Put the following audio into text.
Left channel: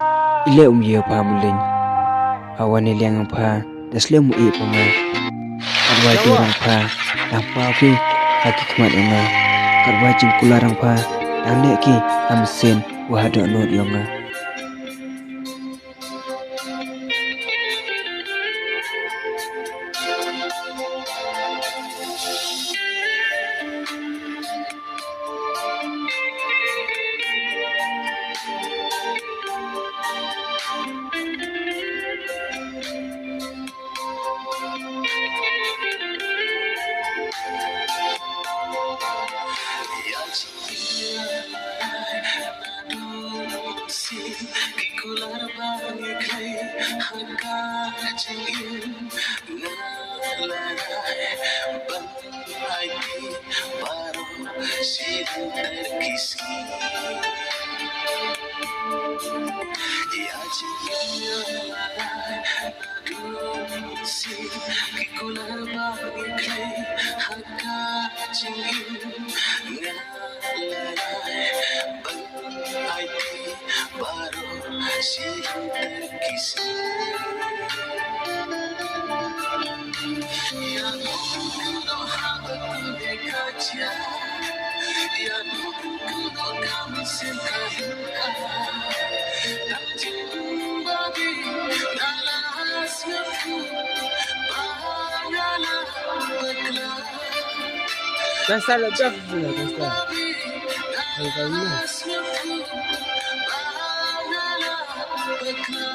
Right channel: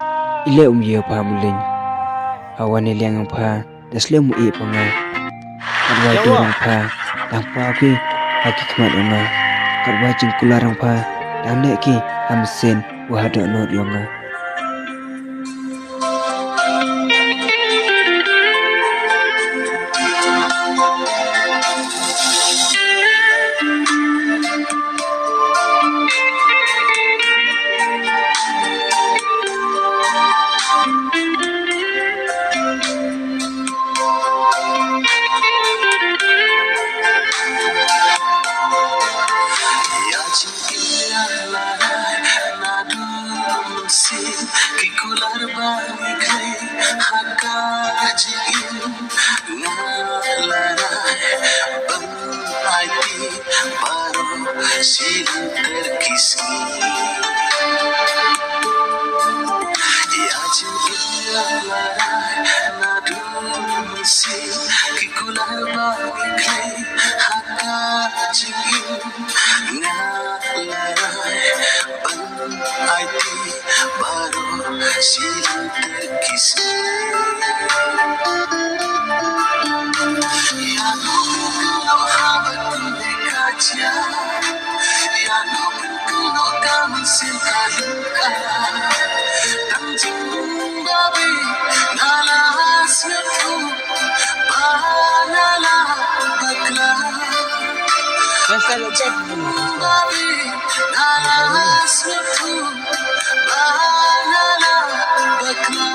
Ile ye pa mulin. Awan liang pa dasle mu e panga. Kadwa dorong pa dang pa ki haki kmat nga. Kadwa jingkularang pa dang ne ki amsen wahado not yonga. Kikular bani kai haka jingin ngalarai ban aiti baro silang terkisni ya jingin ngalarai nadun si kikular bani kai haka jingin ngalarai ban aiti baro silang terkisni Iano kynnoh habat dekaja Iano kynnoh kami sentaluka Tang babi nalas nyafu Banala bakla Pasal lepas pula pasal. babi nalas nyafu Banala bakla